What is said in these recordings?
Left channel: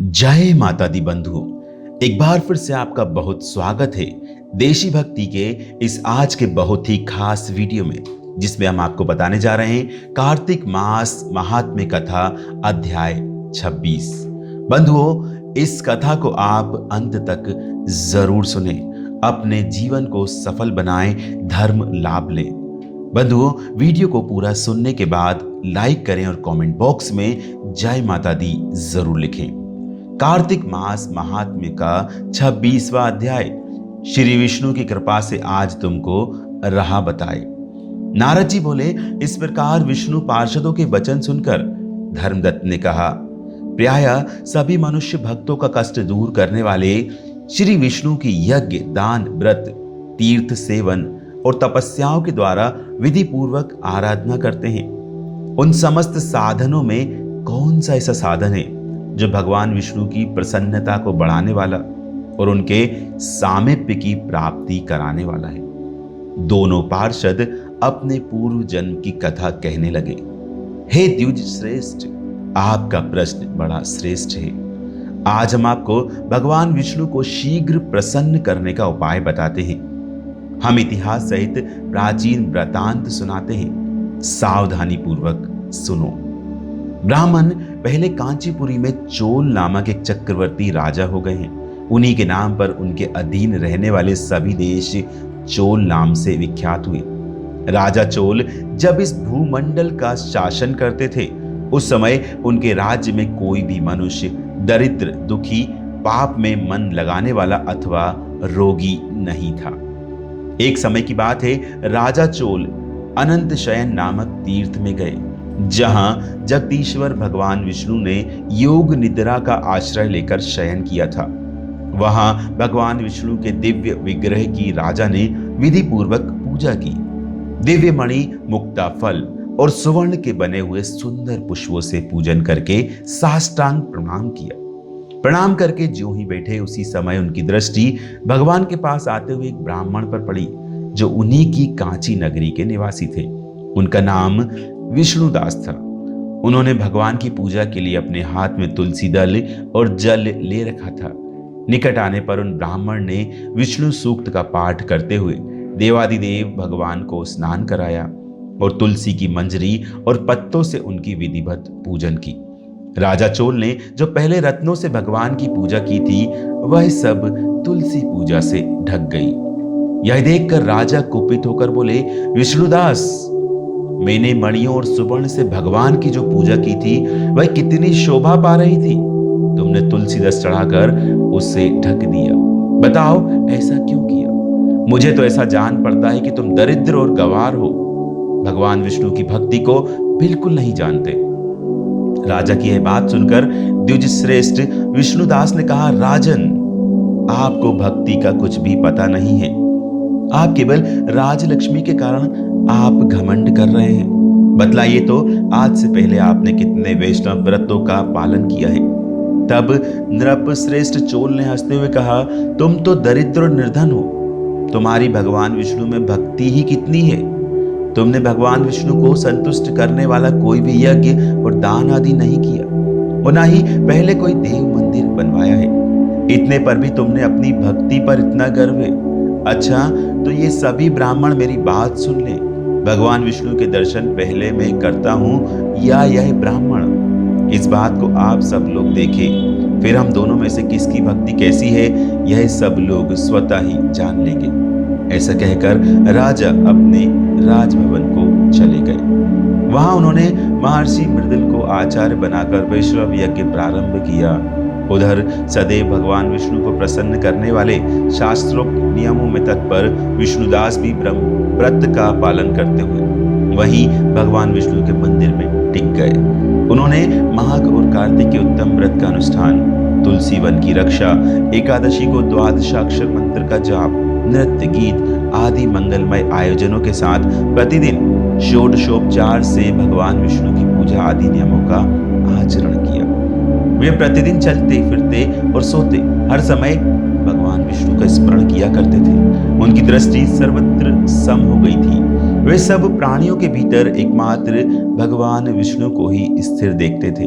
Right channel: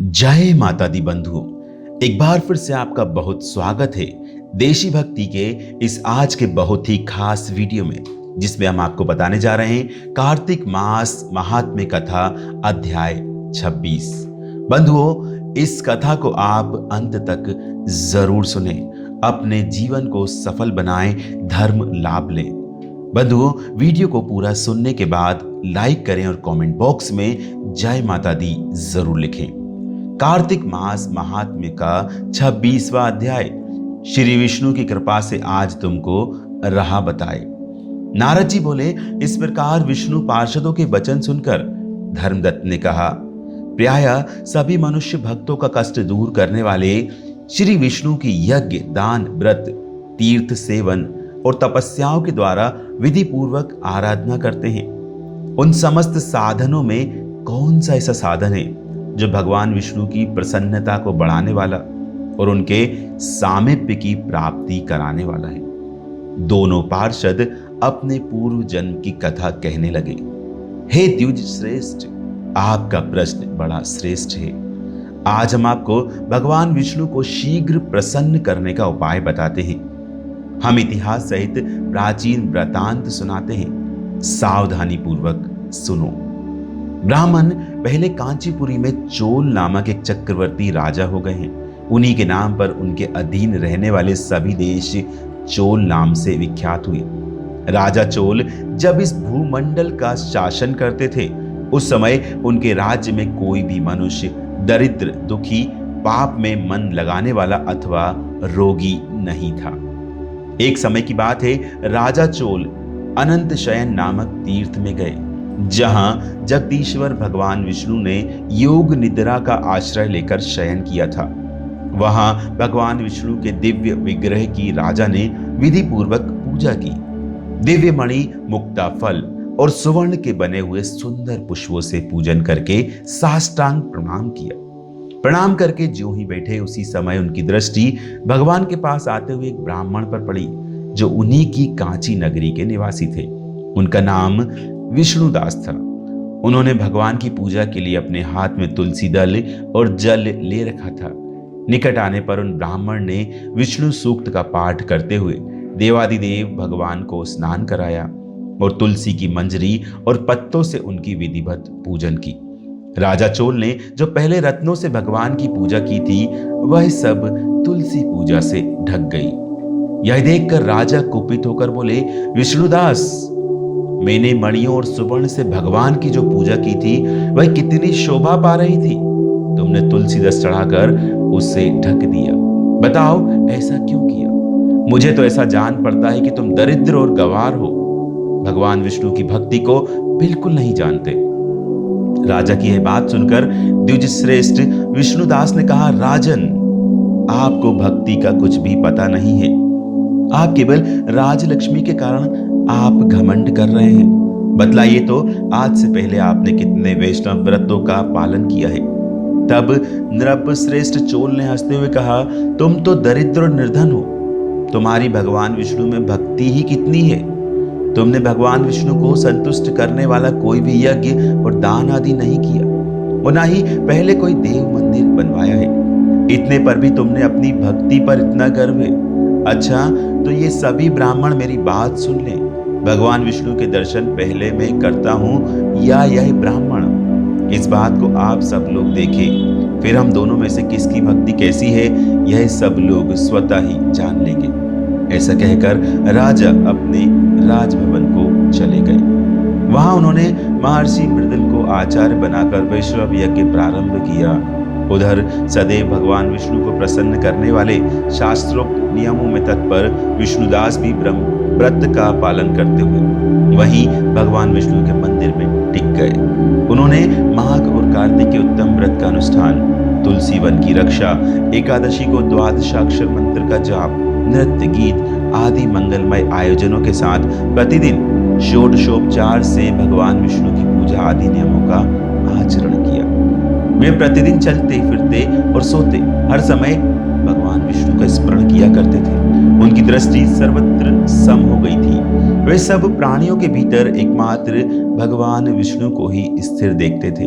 जय माता दी बंधुओं। एक बार फिर से आपका बहुत स्वागत है देशी भक्ति के इस आज के बहुत ही खास वीडियो में, जिसमें हम आपको बताने जा रहे हैं कार्तिक मास महात्म्य कथा अध्याय 26। बंधुओं, इस कथा को आप अंत तक जरूर सुने, अपने जीवन को सफल बनाएं, धर्म लाभ लें। बंधुओं, वीडियो को पूरा सुनने के बाद लाइक करें और कमेंट बॉक्स में जय माता दी जरूर लिखें। कार्तिक मास महात्म्य का 26वां अध्याय। श्री विष्णु की कृपा से आज तुमको राह बताए। नारद जी बोले, इस प्रकार विष्णु पार्षदों के वचन सुनकर धर्मदत्त ने कहा, प्रायः सभी मनुष्य भक्तों का कष्ट दूर करने वाले श्री विष्णु की यज्ञ, दान, व्रत, तीर्थ सेवन और तपस्याओं के द्वारा विधि पूर्वक आराधना करते हैं। उन समस्त साधनों में कौन सा ऐसा साधन है जो भगवान विष्णु की प्रसन्नता को बढ़ाने वाला और उनके सामीप्य की प्राप्ति कराने वाला है। दोनों पार्षद अपने पूर्व जन्म की कथा कहने लगे। हे द्विज श्रेष्ठ, आपका प्रश्न बड़ा श्रेष्ठ है। आज हम आपको भगवान विष्णु को शीघ्र प्रसन्न करने का उपाय बताते हैं। हम इतिहास सहित प्राचीन वृतांत सुनाते हैं, सावधानी पूर्वक सुनो। ब्राह्मण पहले कांचीपुरी में चोल नामक एक चक्रवर्ती राजा हो गए हैं। उन्हीं के नाम पर उनके अधीन रहने वाले सभी देश चोल नाम से विख्यात हुए। राजा चोल जब इस भूमंडल का शासन करते थे, उस समय उनके राज्य में कोई भी मनुष्य दरिद्र, दुखी, पाप में मन लगाने वाला अथवा रोगी नहीं था। एक समय की बात है, राजा चोल अनंत शयन नामक तीर्थ में गए, जहां जगदीश्वर भगवान विष्णु ने योग निद्रा का आश्रय लेकर शयन किया था। वहां भगवान विष्णु के दिव्य विग्रह की राजा ने विधि पूर्वक पूजा की। दिव्य मणि, मुक्ता फल और सुवर्ण के बने हुए सुंदर पुष्पों से पूजन करके साष्टांग प्रणाम किया। प्रणाम करके ज्यों ही बैठे, उसी समय उनकी दृष्टि भगवान के पास आते हुए एक ब्राह्मण पर पड़ी, जो उन्हीं की कांची नगरी के निवासी थे। उनका नाम विष्णुदास था। उन्होंने भगवान की पूजा के लिए अपने हाथ में तुलसी दल और जल ले रखा था। निकट आने पर उन ब्राह्मण ने विष्णु सूक्त का पाठ करते हुए देवादिदेव भगवान को स्नान कराया और तुलसी की मंजरी और पत्तों से उनकी विधिवत पूजन की। राजा चोल ने जो पहले रत्नों से भगवान की पूजा की थी, वह सब तुलसी पूजा से ढक गई। यह देखकर राजा कुपित होकर बोले, विष्णुदास, मैंने मणियों और सुवर्ण से भगवान की जो पूजा की थी, वह कितनी शोभा पा रही थी। तुमने तुलसी दस चढ़ाकर उससे ढक दिया। बताओ, ऐसा क्यों किया? मुझे तो ऐसा जान पड़ता है कि तुम दरिद्र और गंवार हो, भगवान विष्णु की भक्ति को बिल्कुल नहीं जानते। राजा की यह बात सुनकर द्विज श्रेष्ठ विष्णुदास ने कहा, राजन, आपको भक्ति का कुछ भी पता नहीं है। आप केवल राजलक्ष्मी के कारण आप घमंड कर रहे हैं। बतलाइए तो, आज से पहले आपने कितने वैष्णव व्रतों का पालन किया है? तब नृप श्रेष्ठ चोल ने हंसते हुए कहा, तुम तो दरिद्र और निर्धन हो। तुम्हारी भगवान विष्णु में भक्ति ही कितनी है। तुमने भगवान विष्णु को संतुष्ट करने वाला कोई भी यज्ञ और दान आदि नहीं किया, और ना ही पहले कोई देव मंदिर बनवाया है। इतने पर भी तुमने अपनी भक्ति पर इतना गर्व है। अच्छा, तो ये सभी ब्राह्मण मेरी बात सुन लें। भगवान विष्णु के दर्शन पहले मैं करता हूं या यह ब्राह्मण? इस बात को आप सब लोग देखें, फिर हम दोनों में से किसकी भक्ति कैसी है, यह सब लोग स्वतः ही जान लेंगे। ऐसा कहकर राजा अपने राजभवन को चले गए। वहां उन्होंने महर्षि मृदुल को आचार्य बनाकर वैष्णव यज्ञ प्रारंभ किया। उधर सदैव भगवान विष्णु को प्रसन्न करने वाले शास्त्रोक्त नियमों में तत्पर विष्णुदास भी ब्रह्म व्रत का पालन करते हुए वहीं भगवान विष्णु के मंदिर में टिक गए। उन्होंने माघ और कार्तिक के उत्तम व्रत का अनुष्ठान, तुलसी वन की रक्षा, एकादशी को द्वादशाक्षर मंत्र का जाप, नृत्य, गीत आदि मंगलमय आयोजनों के साथ प्रतिदिन षोडशोपचार से भगवान विष्णु की पूजा आदि नियमों का आचरण किया। वे प्रतिदिन चलते फिरते और सोते हर समय भगवान विष्णु का स्मरण किया करते थे। उनकी दृष्टि सर्वत्र सम हो गई थी। वे सब प्राणियों के भीतर एकमात्र भगवान विष्णु को ही स्थिर देखते थे।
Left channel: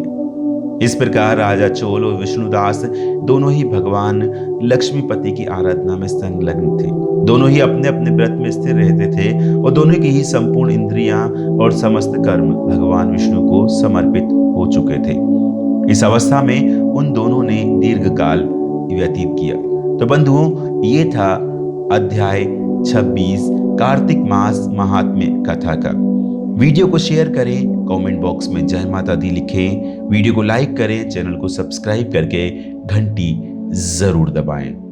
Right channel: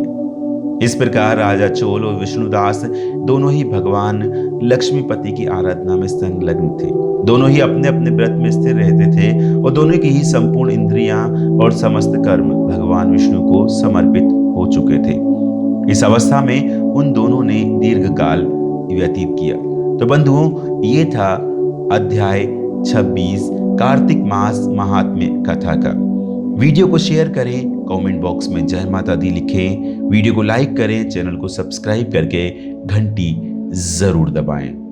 इस प्रकार राजा चोल और विष्णुदास दोनों ही भगवान लक्ष्मीपति की आराधना में संलग्न थे। दोनों ही अपने अपने व्रत में स्थिर रहते थे और दोनों की ही संपूर्ण इंद्रियां और समस्त कर्म भगवान विष्णु को समर्पित हो चुके थे। इस अवस्था में उन दोनों ने दीर्घकाल व्यतीत किया। तो बंधुओं, ये था अध्याय 26 कार्तिक मास महात्म्य कथा का। वीडियो को शेयर करें, कमेंट बॉक्स में जय माता दी लिखें, वीडियो को लाइक करें, चैनल को सब्सक्राइब करके घंटी जरूर दबाएं।